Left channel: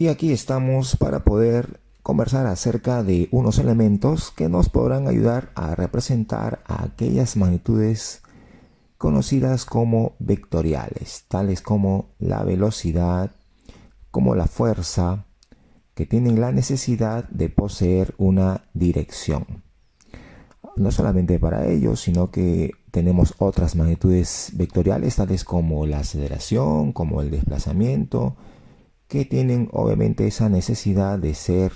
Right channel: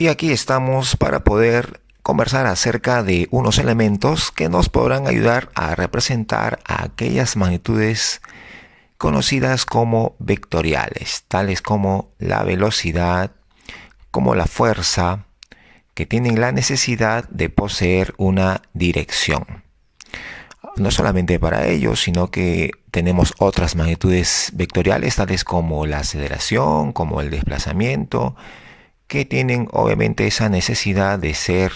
Y aquí estamos para poder conversar acerca de unos elementos que nos podrán ayudar a representar a aquellas magnitudes conocidas como vectoriales, tales como la velocidad, como la fuerza, que tienen la necesidad de poseer una dirección. No solamente para ello, sino que tenemos otras magnitudes vectoriales, tales como la aceleración, como el desplazamiento, que tienen obviamente esa necesidad de ser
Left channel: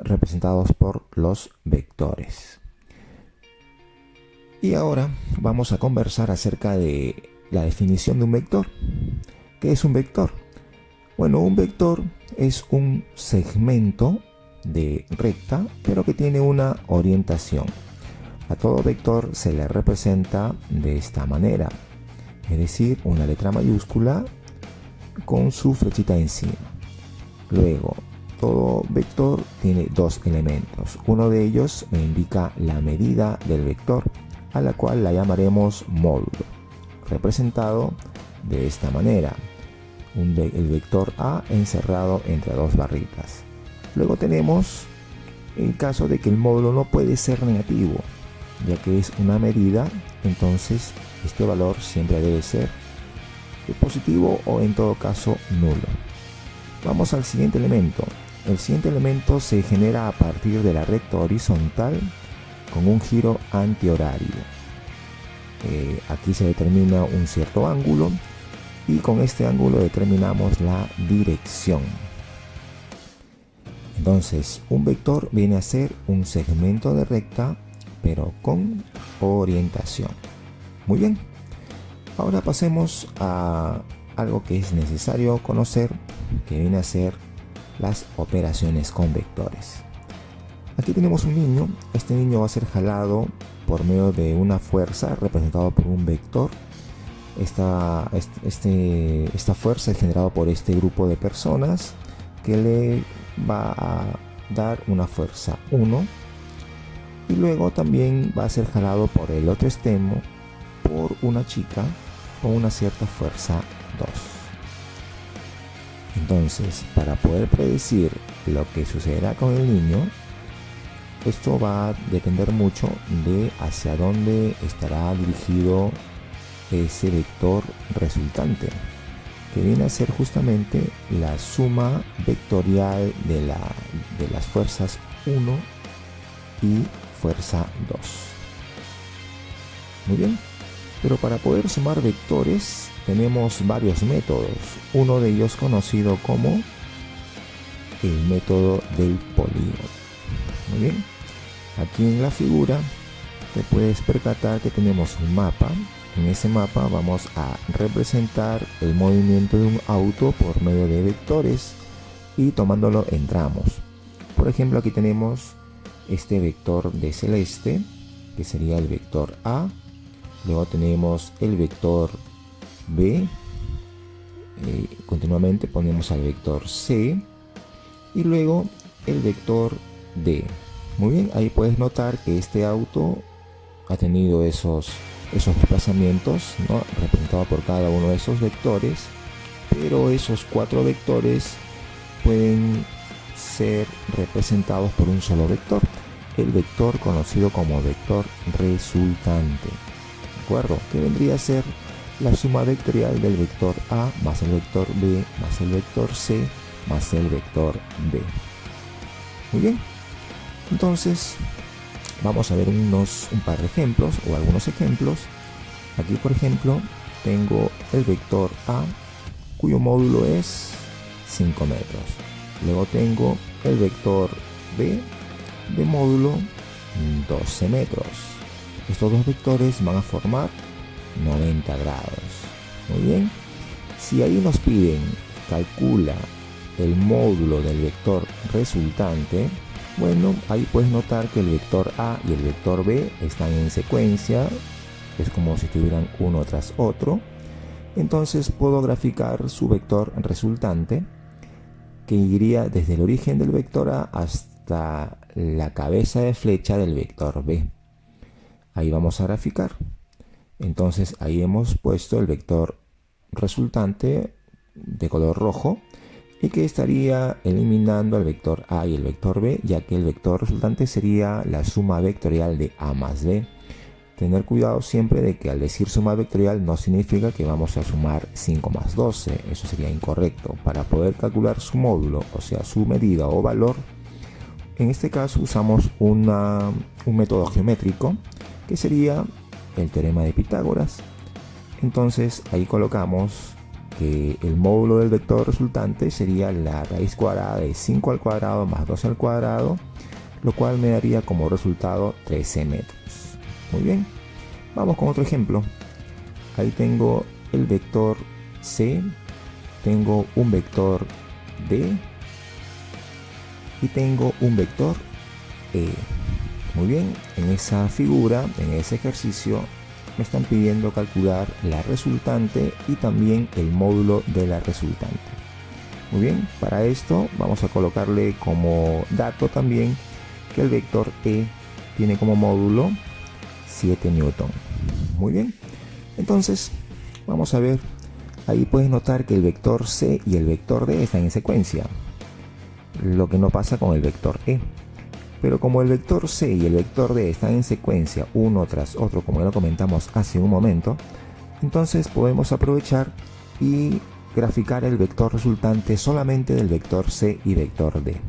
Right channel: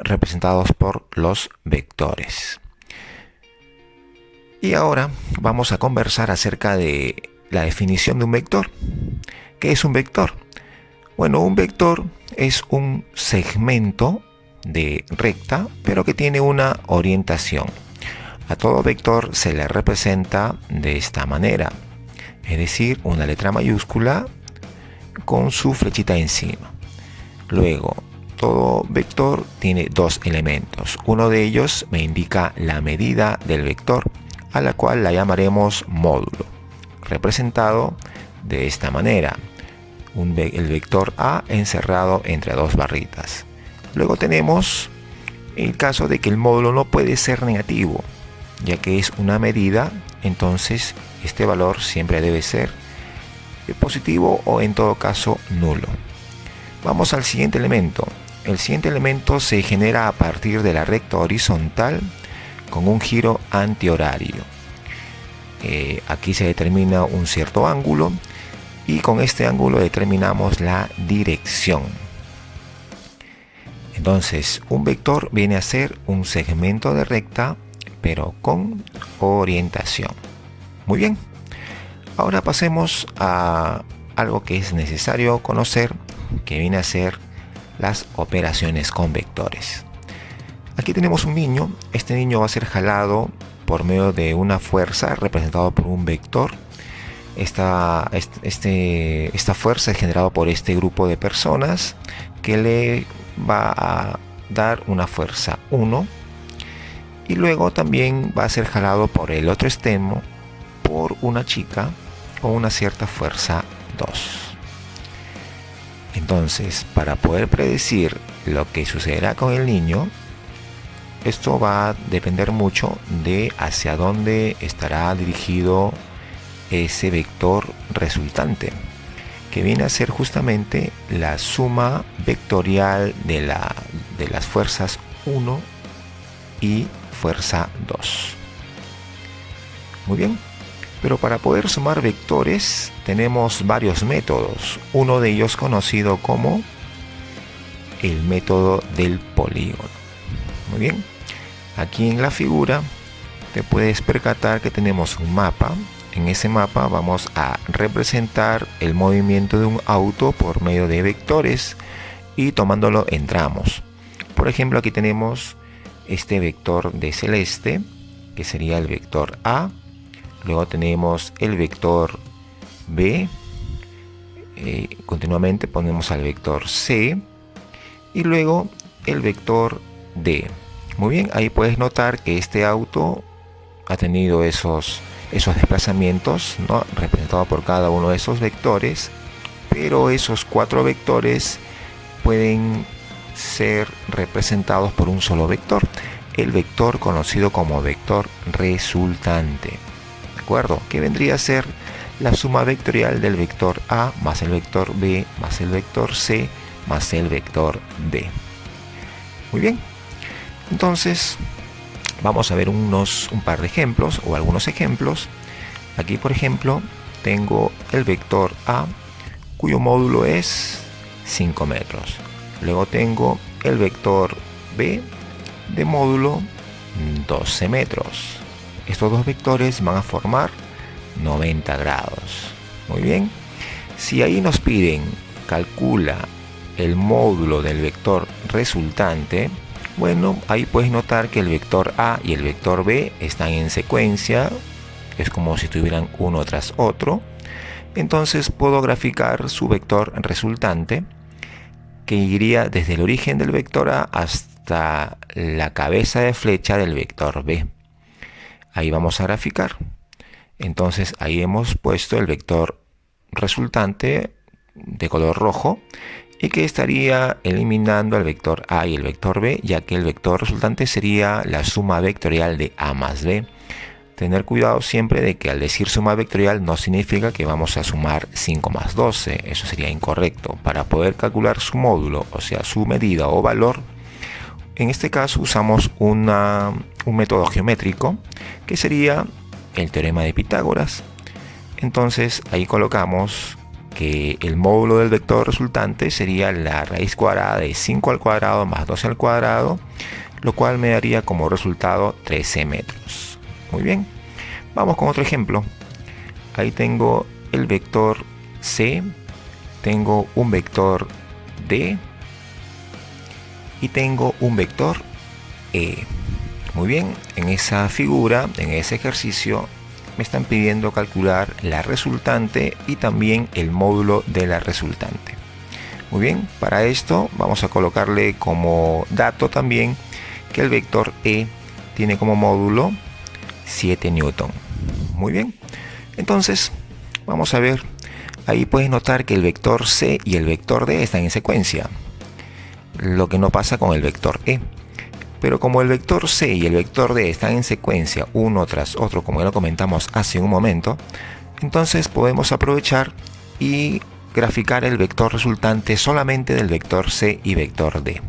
representados por los vectores. Y ahora vamos a conversar acerca de la definición de un vector. ¿Qué es un vector? Bueno, un vector es un segmento de recta, pero que tiene una orientación. A todo vector se le representa de esta manera, es decir, una letra mayúscula con su flechita encima. Luego, todo vector tiene dos elementos. Uno de ellos me indica la medida del vector, a la cual la llamaremos módulo, representado de esta manera. El vector A encerrado entre dos barritas. Luego tenemos el caso de que el módulo no puede ser negativo, ya que es una medida, entonces este valor siempre debe ser positivo o en todo caso nulo. Vamos al siguiente elemento. El siguiente elemento se genera a partir de la recta horizontal con un giro antihorario. Aquí se determina un cierto ángulo y con este ángulo determinamos la dirección. Entonces, un vector viene a ser un segmento de recta, pero con orientación. Muy bien. Ahora pasemos a algo que es necesario conocer, que viene a ser las operaciones con vectores. Aquí tenemos un niño. Este niño va a ser jalado por medio de una fuerza representada por un vector. Esta fuerza es generada por este grupo de personas que le va a dar una fuerza 1 y luego también va a ser jalado por el otro extremo por una chica con una cierta fuerza 2. Entonces, para poder predecir lo que sucederá con el niño, esto va a depender mucho de hacia dónde estará dirigido ese vector resultante, que viene a ser justamente la suma vectorial de las fuerzas 1 y fuerza 2. Muy bien, pero para poder sumar vectores tenemos varios métodos. Uno de ellos conocido como el método del polígono. Muy bien, aquí en la figura te puedes percatar que tenemos un mapa. En ese mapa vamos a representar el movimiento de un auto por medio de vectores y tomándolo en tramos. Por ejemplo, aquí tenemos este vector de celeste, que sería el vector A. Luego tenemos el vector B. Continuamente ponemos al vector C. Y luego el vector D. Muy bien, ahí puedes notar que este auto ha tenido esos desplazamientos, ¿no?, representados por cada uno de esos vectores, pero esos 4 vectores pueden ser representados por un solo vector, el vector conocido como vector resultante, ¿de acuerdo?, que vendría a ser la suma vectorial del vector A más el vector B más el vector C más el vector D. Muy bien, entonces vamos a ver un par de ejemplos o algunos ejemplos. Aquí, por ejemplo, tengo el vector A, cuyo módulo es 5 metros. Luego tengo el vector B de módulo 12 metros. Estos dos vectores van a formar 90 grados. Muy bien. Si ahí nos piden calcula el módulo del vector resultante, bueno, ahí puedes notar que el vector A y el vector B están en secuencia, es como si estuvieran uno tras otro. Entonces puedo graficar su vector resultante, que iría desde el origen del vector A hasta la cabeza de flecha del vector B. Ahí vamos a graficar. Entonces ahí hemos puesto el vector resultante de color rojo y que estaría eliminando al vector A y el vector B, ya que el vector resultante sería la suma vectorial de A más B. Tener cuidado siempre de que al decir suma vectorial no significa que vamos a sumar 5 más 12, eso sería incorrecto. Para poder calcular su módulo, o sea su medida o valor, en este caso usamos un método geométrico que sería el teorema de Pitágoras. Entonces ahí colocamos que el módulo del vector resultante sería la raíz cuadrada de 5 al cuadrado más 12 al cuadrado, lo cual me daría como resultado 13 metros. Muy bien, vamos con otro ejemplo. Ahí tengo el vector C, tengo un vector D y tengo un vector E. Muy bien, en esa figura, en ese ejercicio, me están pidiendo calcular la resultante y también el módulo de la resultante. Muy bien, para esto vamos a colocarle como dato también que el vector E tiene como módulo 7 newton. Muy bien, entonces vamos a ver, ahí puedes notar que el vector C y el vector D están en secuencia, lo que no pasa con el vector E. Pero como el vector C y el vector D están en secuencia uno tras otro, como ya lo comentamos hace un momento, entonces podemos aprovechar y graficar el vector resultante solamente del vector C y vector D.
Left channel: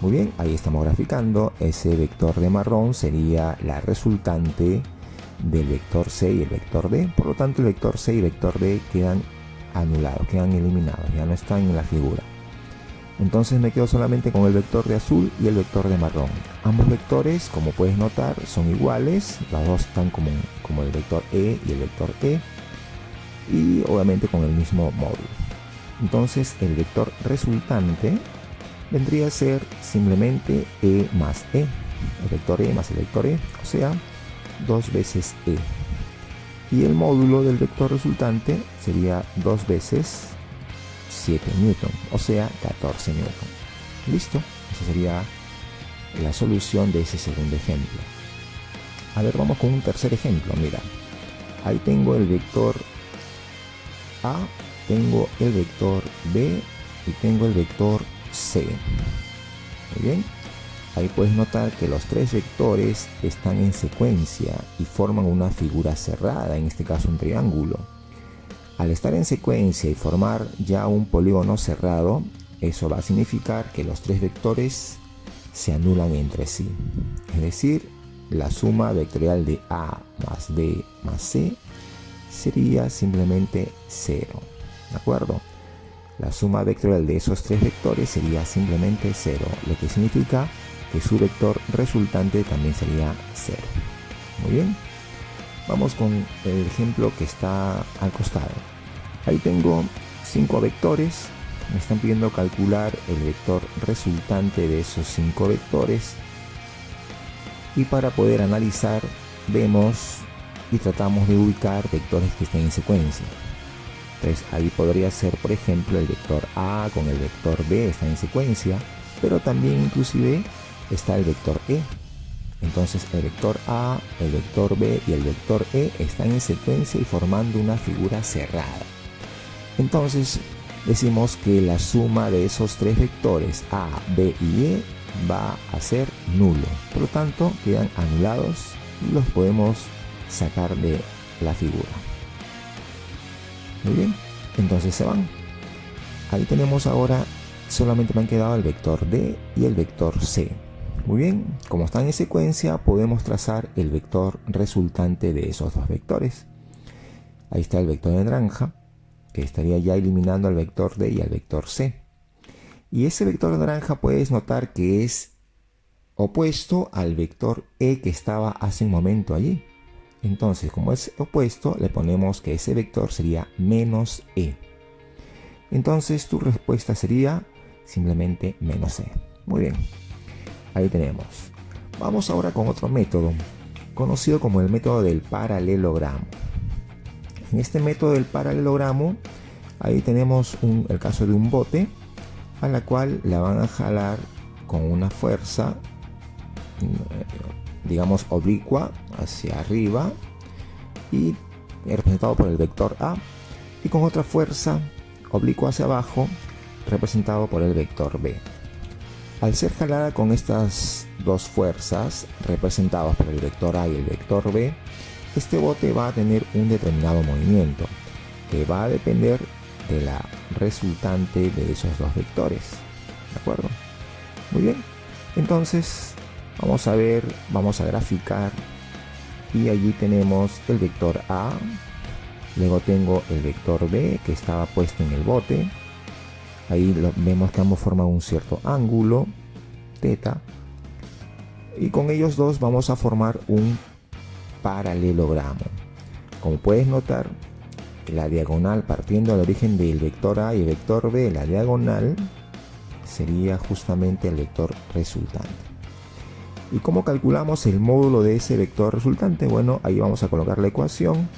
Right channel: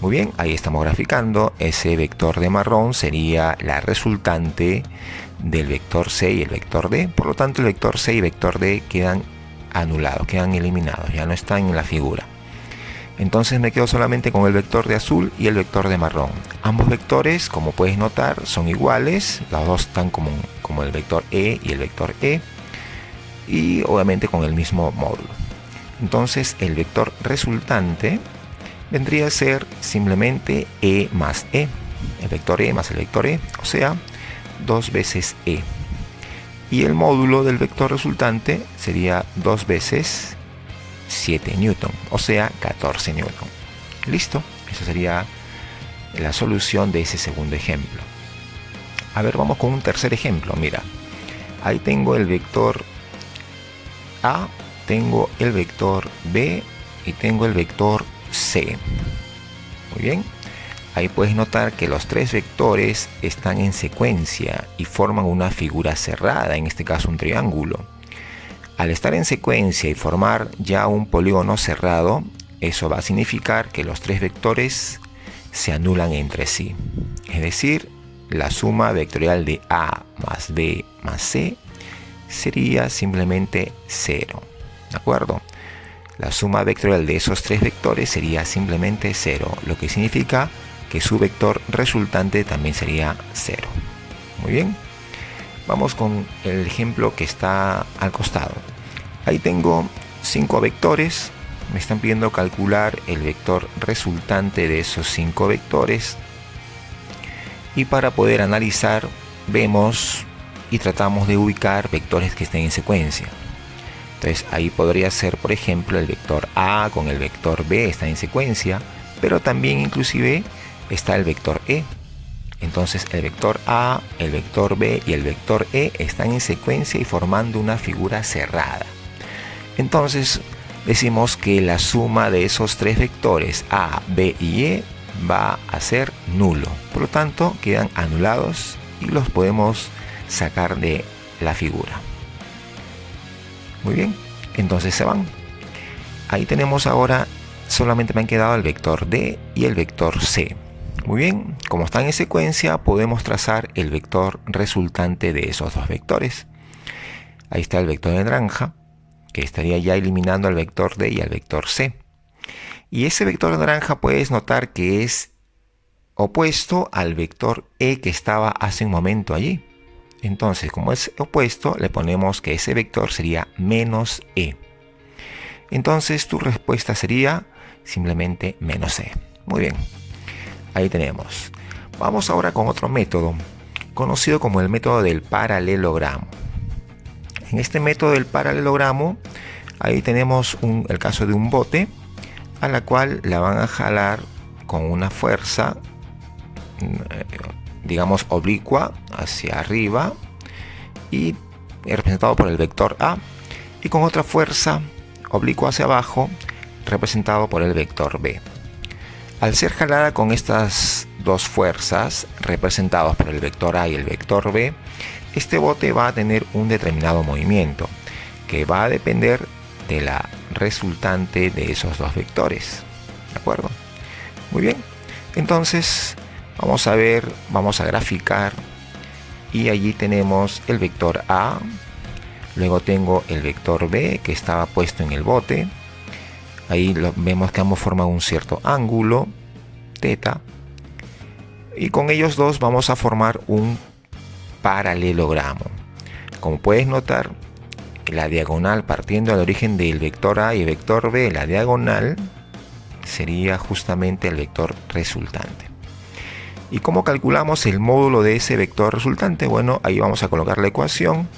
Muy bien, ahí estamos graficando. Ese vector de marrón sería la resultante del vector C y el vector D. Por lo tanto, el vector C y vector D quedan anulados, quedan eliminados, ya no están en la figura. Entonces me quedo solamente con el vector de azul y el vector de marrón. Ambos vectores, como puedes notar, son iguales. Los dos están como el vector E y el vector E. Y obviamente con el mismo módulo. Entonces el vector resultante vendría a ser simplemente E más E. El vector E más el vector E, o sea, 2 veces E. Y el módulo del vector resultante sería 2 veces 7 newton, o sea 14 newton. Listo, esa sería la solución de ese segundo ejemplo. A ver, vamos con un tercer ejemplo. Mira, ahí tengo el vector A, tengo el vector B y tengo el vector C. Muy bien, ahí puedes notar que los tres vectores están en secuencia y forman una figura cerrada, en este caso un triángulo. Al estar en secuencia y formar ya un polígono cerrado, eso va a significar que los tres vectores se anulan entre sí. Es decir, la suma vectorial de A más B más C sería simplemente 0. ¿De acuerdo? La suma vectorial de esos tres vectores sería simplemente 0, lo que significa que su vector resultante también sería 0. Muy bien. Vamos con el ejemplo que está al costado. Ahí tengo 5 vectores. Me están pidiendo calcular el vector resultante de esos 5 vectores. Y para poder analizar, vemos y tratamos de ubicar vectores que estén en secuencia. Entonces ahí podría ser, por ejemplo, el vector A con el vector B está en secuencia, pero también inclusive está el vector E. Entonces el vector A, el vector B y el vector E están en secuencia y formando una figura cerrada. Entonces decimos que la suma de esos tres vectores A, B y E va a ser nulo. Por lo tanto, quedan anulados y los podemos sacar de la figura. Muy bien, entonces se van. Ahí tenemos ahora, solamente me han quedado el vector D y el vector C. Muy bien, como están en secuencia, podemos trazar el vector resultante de esos dos vectores. Ahí está el vector de naranja, que estaría ya eliminando al vector D y al vector C. Y ese vector de naranja puedes notar que es opuesto al vector E que estaba hace un momento allí. Entonces, como es opuesto, le ponemos que ese vector sería menos E. Entonces, tu respuesta sería simplemente menos E. Muy bien, ahí tenemos. Vamos ahora con otro método, conocido como el método del paralelogramo. En este método del paralelogramo, ahí tenemos el caso de un bote, a la cual la van a jalar con una fuerza, digamos oblicua hacia arriba y representado por el vector A, y con otra fuerza oblicua hacia abajo representado por el vector B. Al ser jalada con estas dos fuerzas representadas por el vector A y el vector B, este bote va a tener un determinado movimiento que va a depender de la resultante de esos dos vectores. ¿De acuerdo? Muy bien. Entonces vamos a graficar, y allí tenemos el vector A, luego tengo el vector B que estaba puesto en el bote. Ahí vemos que ambos forman un cierto ángulo, θ, y con ellos dos vamos a formar un paralelogramo. Como puedes notar, la diagonal partiendo del origen del vector A y el vector B, la diagonal sería justamente el vector resultante. ¿Y cómo calculamos el módulo de ese vector resultante? Bueno, ahí vamos a colocar la ecuación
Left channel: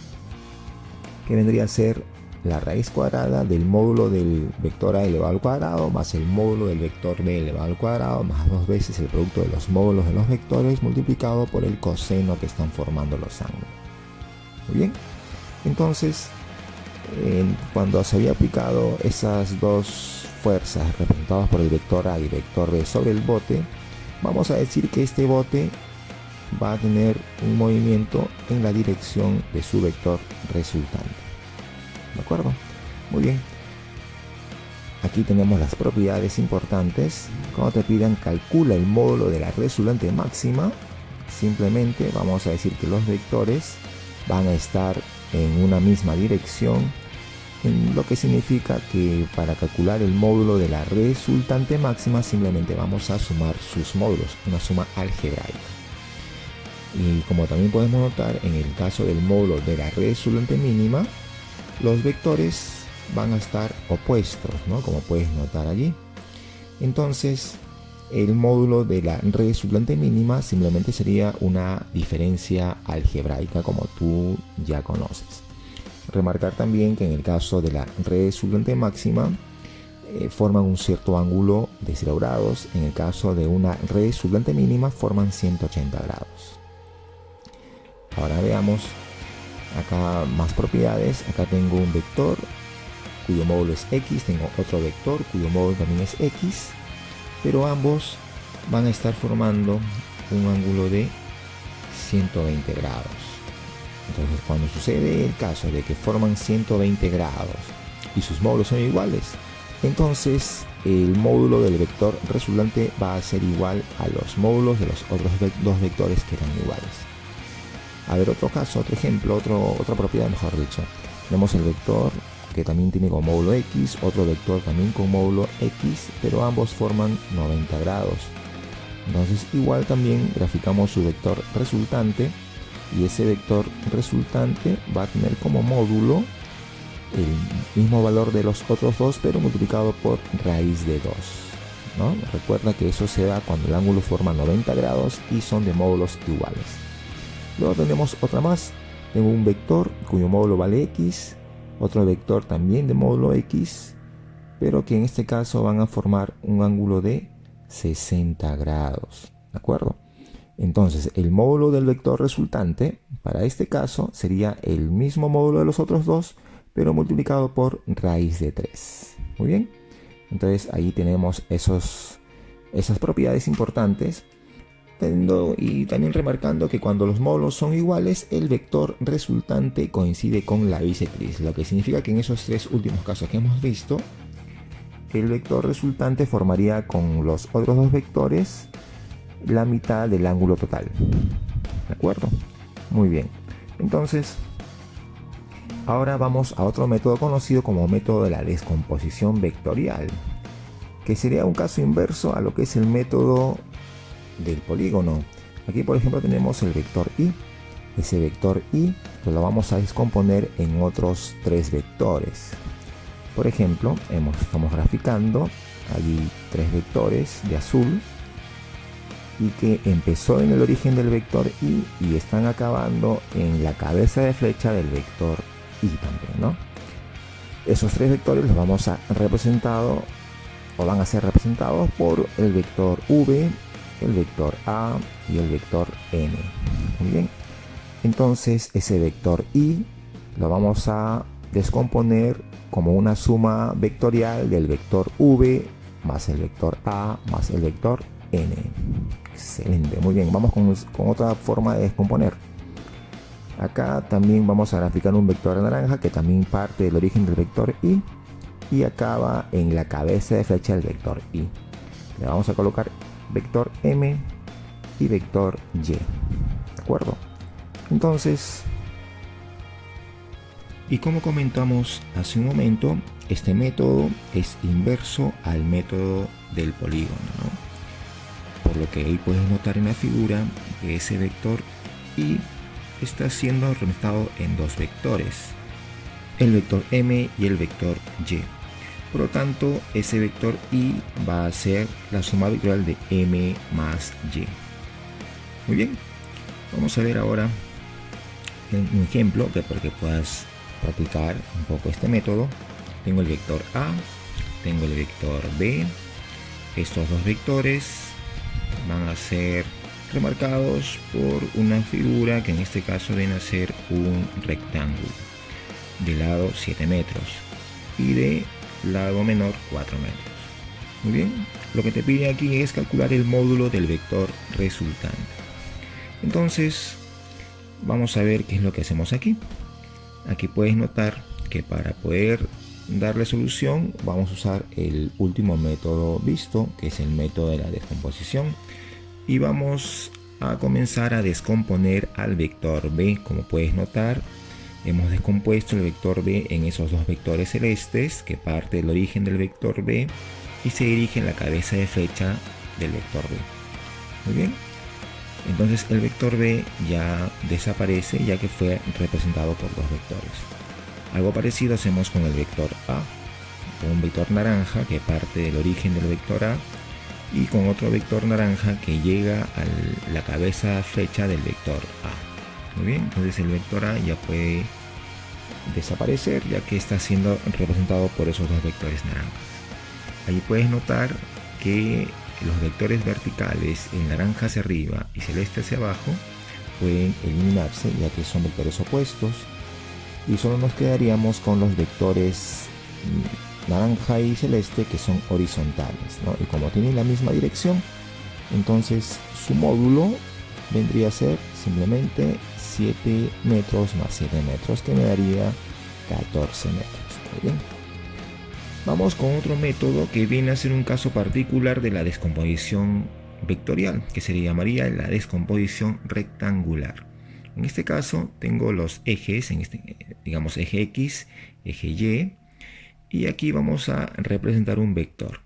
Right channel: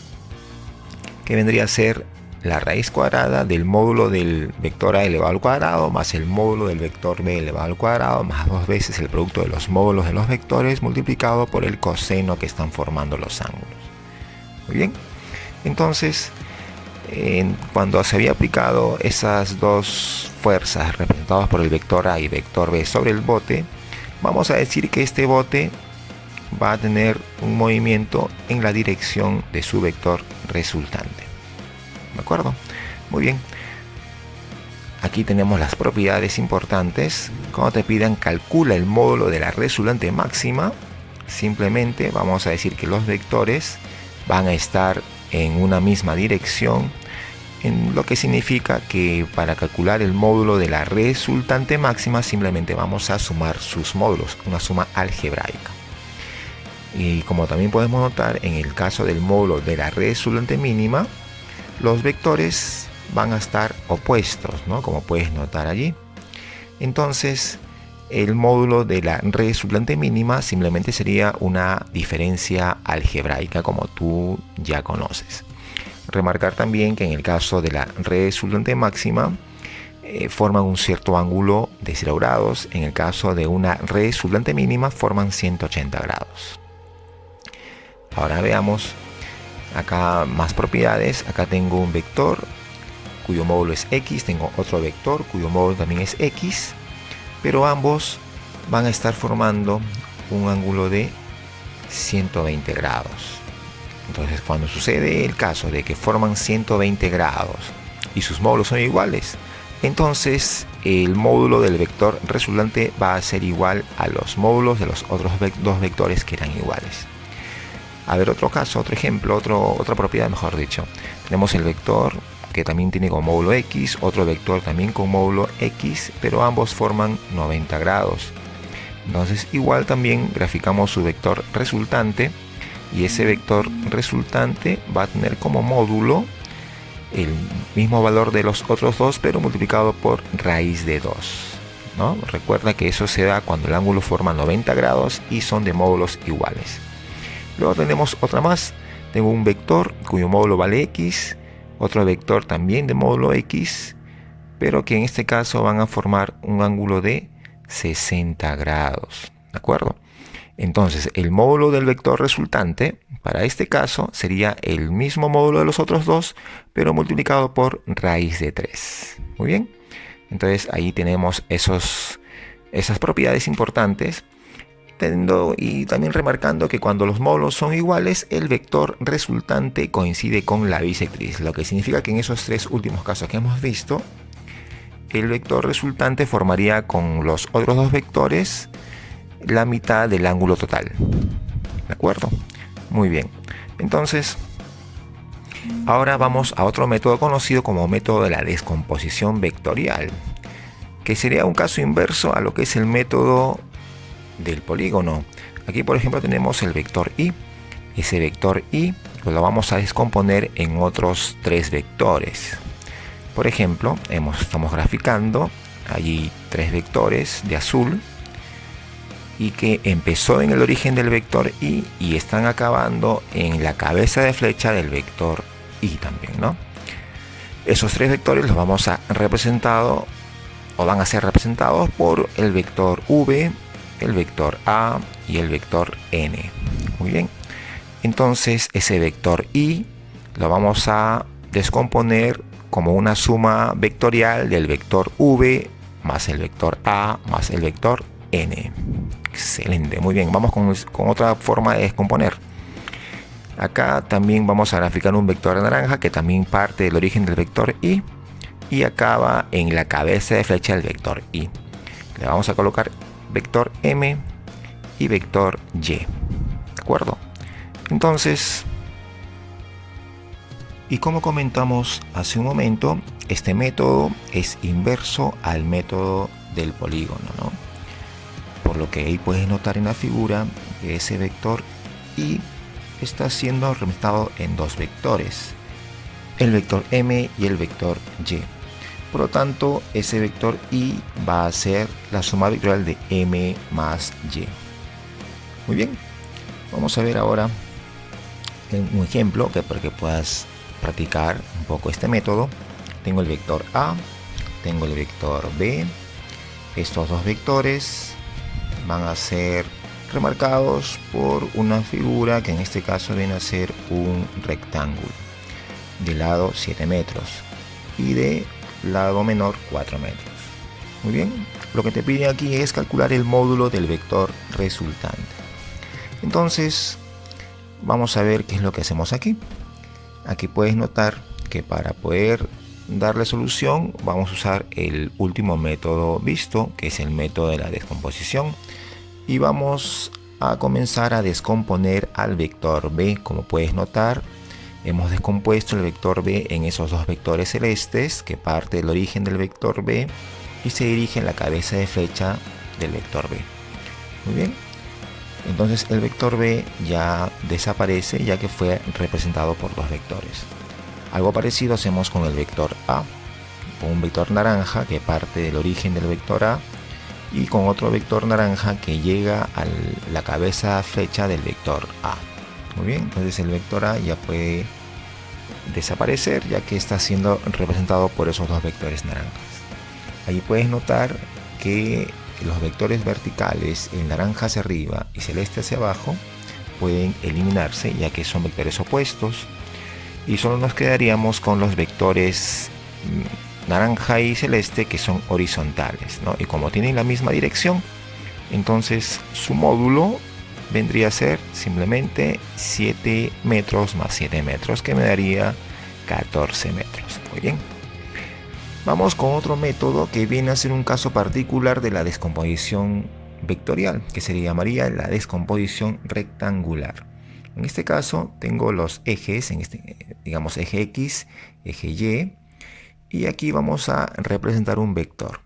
que vendría a ser la raíz cuadrada del módulo del vector A elevado al cuadrado más el módulo del vector B elevado al cuadrado más 2 veces el producto de los módulos de los vectores multiplicado por el coseno que están formando los ángulos. Muy bien, entonces cuando se había aplicado esas dos fuerzas representadas por el vector A y vector B sobre el bote, vamos a decir que este bote va a tener un movimiento en la dirección de su vector resultante. ¿De acuerdo? Muy bien. Aquí tenemos las propiedades importantes. Cuando te pidan calcula el módulo de la resultante máxima, simplemente vamos a decir que los vectores van a estar en una misma dirección, en lo que significa que para calcular el módulo de la resultante máxima simplemente vamos a sumar sus módulos, una suma algebraica. Y como también podemos notar, en el caso del módulo de la resultante mínima, los vectores van a estar opuestos, ¿no? Como puedes notar allí. Entonces, el módulo de la resultante mínima simplemente sería una diferencia algebraica, como tú ya conoces. Remarcar también que en el caso de la resultante máxima, forman un cierto ángulo de 0 grados. En el caso de una resultante mínima, forman 180 grados. Ahora veamos acá más propiedades. Acá tengo un vector cuyo módulo es x, tengo otro vector cuyo módulo también es x, pero ambos van a estar formando un ángulo de 120 grados. Entonces, cuando sucede el caso de que forman 120 grados y sus módulos son iguales, entonces el módulo del vector resultante va a ser igual a los módulos de los otros dos vectores que eran iguales. A ver, otro caso, otro ejemplo, otra propiedad, mejor dicho. Tenemos el vector que también tiene como módulo x, otro vector también con módulo x, pero ambos forman 90 grados. Entonces, igual también graficamos su vector resultante, y ese vector resultante va a tener como módulo el mismo valor de los otros dos, pero multiplicado por raíz de 2, ¿no? Recuerda que eso se da cuando el ángulo forma 90 grados y son de módulos iguales. Luego tenemos otra más. Tengo un vector cuyo módulo vale x, otro vector también de módulo x, pero que en este caso van a formar un ángulo de 60 grados. ¿De acuerdo? Entonces, el módulo del vector resultante, para este caso, sería el mismo módulo de los otros dos, pero multiplicado por raíz de 3. Muy bien. Entonces, ahí tenemos esas propiedades importantes. Y también remarcando que cuando los módulos son iguales, el vector resultante coincide con la bisectriz, lo que significa que en esos tres últimos casos que hemos visto, el vector resultante formaría con los otros dos vectores la mitad del ángulo total. ¿De acuerdo? Muy bien. Entonces, ahora vamos a otro método conocido como método de la descomposición vectorial, que sería un caso inverso a lo que es el método del polígono. Aquí, por ejemplo, tenemos el vector y. Ese vector y lo vamos a descomponer en otros tres vectores. Por ejemplo, estamos graficando allí tres vectores de azul, y que empezó en el origen del vector y están acabando en la cabeza de flecha del vector y también, ¿no? Esos tres vectores los vamos a representar, o van a ser representados por el vector v, el vector a y el vector n. Muy bien. Entonces ese vector y lo vamos a descomponer como una suma vectorial del vector v más el vector a más el vector n. Excelente, muy bien. Vamos con otra forma de descomponer. Acá también vamos a graficar un vector naranja que también parte del origen del vector y acaba en la cabeza de flecha del vector y. Le vamos a colocar vector m y vector y. ¿De acuerdo? Entonces, y como comentamos hace un momento, este método es inverso al método del polígono, ¿no? Por lo que ahí puedes notar en la figura que ese vector y está siendo representado en dos vectores, el vector m y el vector y. Por lo tanto, ese vector y va a ser la suma vectorial de m más y. Muy bien, vamos a ver ahora un ejemplo para que puedas practicar un poco este método. Tengo el vector a, tengo el vector b. Estos dos vectores van a ser remarcados por una figura que en este caso viene a ser un rectángulo de lado 7 metros y de lado menor 4 metros. Muy bien, lo que te pide aquí es calcular el módulo del vector resultante. Entonces vamos a ver qué es lo que hacemos aquí. Aquí puedes notar que para poder darle solución vamos a usar el último método visto, que es el método de la descomposición, y vamos a comenzar a descomponer al vector b. Como puedes notar, hemos descompuesto el vector b en esos dos vectores celestes que parte del origen del vector b y se dirige en la cabeza de flecha del vector b. Muy bien, entonces el vector b ya desaparece ya que fue representado por dos vectores. Algo parecido hacemos con el vector a, con un vector naranja que parte del origen del vector a y con otro vector naranja que llega a la cabeza flecha del vector a. Muy bien, entonces el vector a ya puede desaparecer ya que está siendo representado por esos dos vectores naranjas. Ahí puedes notar que los vectores verticales, el naranja hacia arriba y celeste hacia abajo, pueden eliminarse ya que son vectores opuestos y solo nos quedaríamos con los vectores naranja y celeste que son horizontales, ¿no? Y como tienen la misma dirección, entonces su módulo vendría a ser simplemente 7 metros más 7 metros, que me daría 14 metros. Muy bien. Vamos con otro método que viene a ser un caso particular de la descomposición vectorial, que se llamaría la descomposición rectangular. En este caso tengo los ejes, digamos eje X, eje Y, y aquí vamos a representar un vector,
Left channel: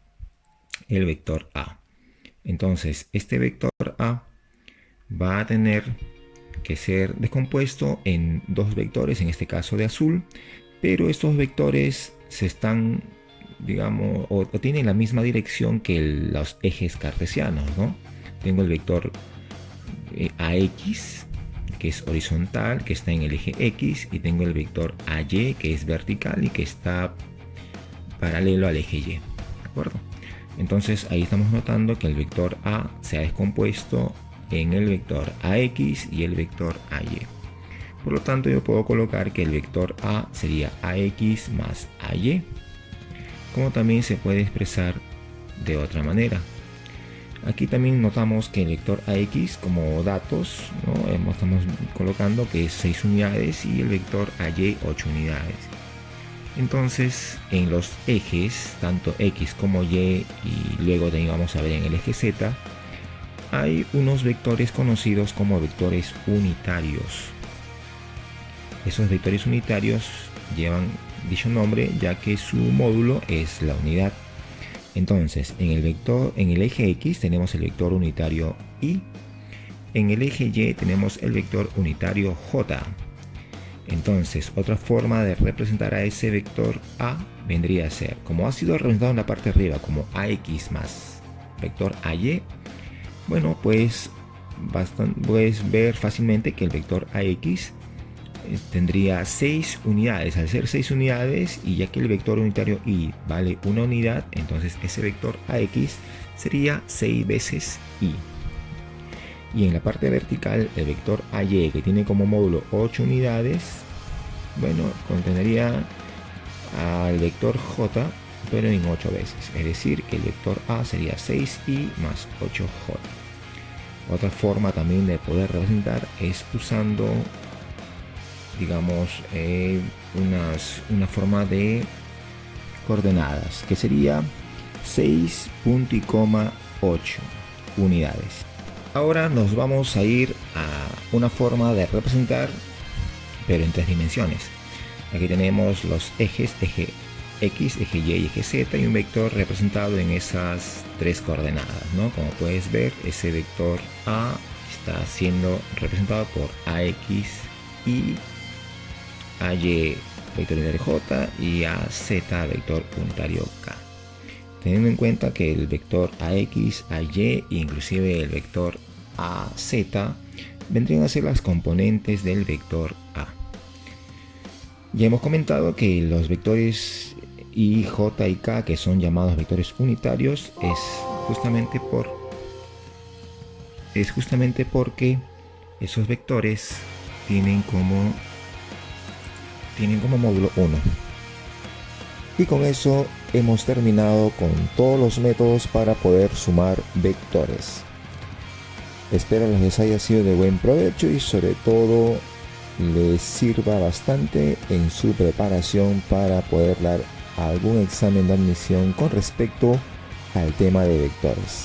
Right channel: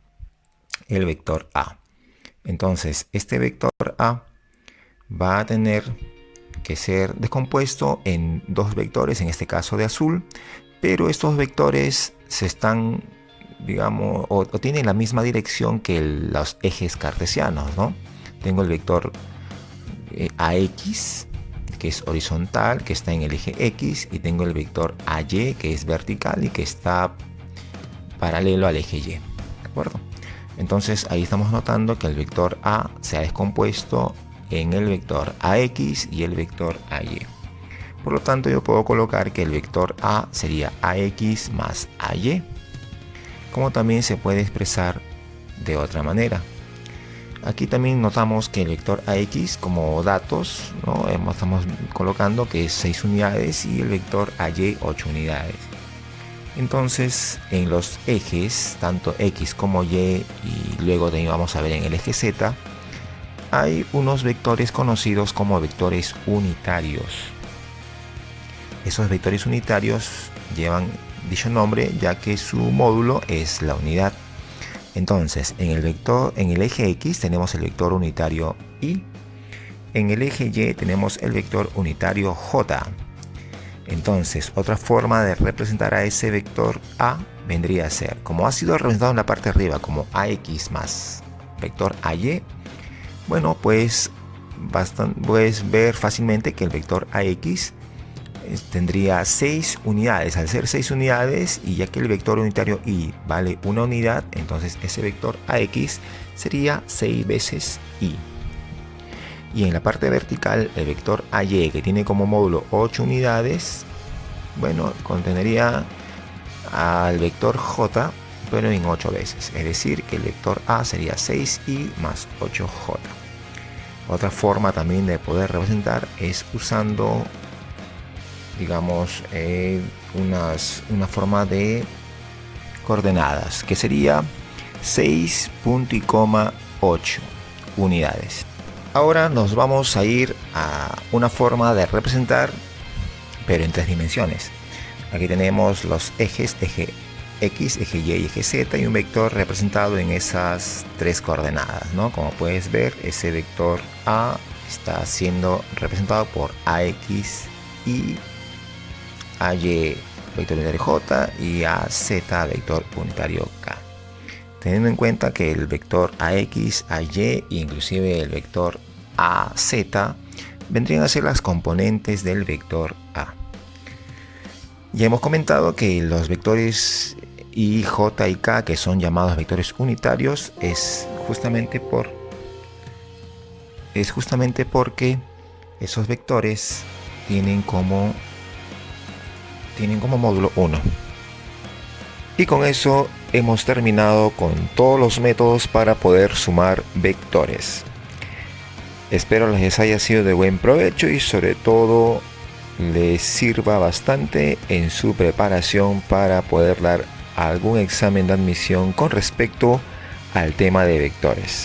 el vector A. Entonces este vector A va a tener que ser descompuesto en dos vectores, en este caso de azul, pero estos vectores se están, digamos, o tienen la misma dirección que los ejes cartesianos, ¿no? Tengo el vector AX, que es horizontal, que está en el eje X, y tengo el vector AY, que es vertical y que está paralelo al eje Y. ¿De acuerdo? Entonces ahí estamos notando que el vector A se ha descompuesto en el vector AX y el vector AY. Por lo tanto, yo puedo colocar que el vector A sería AX más AY, como también se puede expresar de otra manera. Aquí también notamos que el vector AX como datos, ¿no? Estamos colocando que es 6 unidades y el vector AY 8 unidades. Entonces en los ejes, tanto X como Y, y luego también vamos a ver en el eje Z, hay unos vectores conocidos como vectores unitarios. Esos vectores unitarios llevan dicho nombre ya que su módulo es la unidad. Entonces en el eje X tenemos el vector unitario Y, en el eje Y tenemos el vector unitario J. Entonces otra forma de representar a ese vector A vendría a ser, como ha sido representado en la parte de arriba como AX más vector AY, bueno, pues puedes ver fácilmente que el vector AX tendría 6 unidades. Al ser 6 unidades, y ya que el vector unitario Y vale una unidad, entonces ese vector AX sería 6 veces Y. Y en la parte vertical, el vector AY, que tiene como módulo 8 unidades, bueno, contendría al vector j, pero en 8 veces. Es decir, que el vector a sería 6i más 8j. Otra forma también de poder representar es usando, digamos, una forma de coordenadas, que sería 6.8 unidades. Ahora nos vamos a ir a una forma de representar, pero en 3 dimensiones. Aquí tenemos los ejes, eje X, eje Y y eje Z, y un vector representado en esas 3 coordenadas, ¿no? Como puedes ver, ese vector A está siendo representado por AX y AY vector unitario J y AZ vector unitario K. Teniendo en cuenta que el vector AX, AY e inclusive el vector AZ vendrían a ser las componentes del vector A. Ya hemos comentado que los vectores I, J y K, que son llamados vectores unitarios, es justamente porque esos vectores tienen como módulo 1. Y con eso hemos terminado con todos los métodos para poder sumar vectores. Espero les haya sido de buen provecho y sobre todo les sirva bastante en su preparación para poder dar algún examen de admisión con respecto al tema de vectores.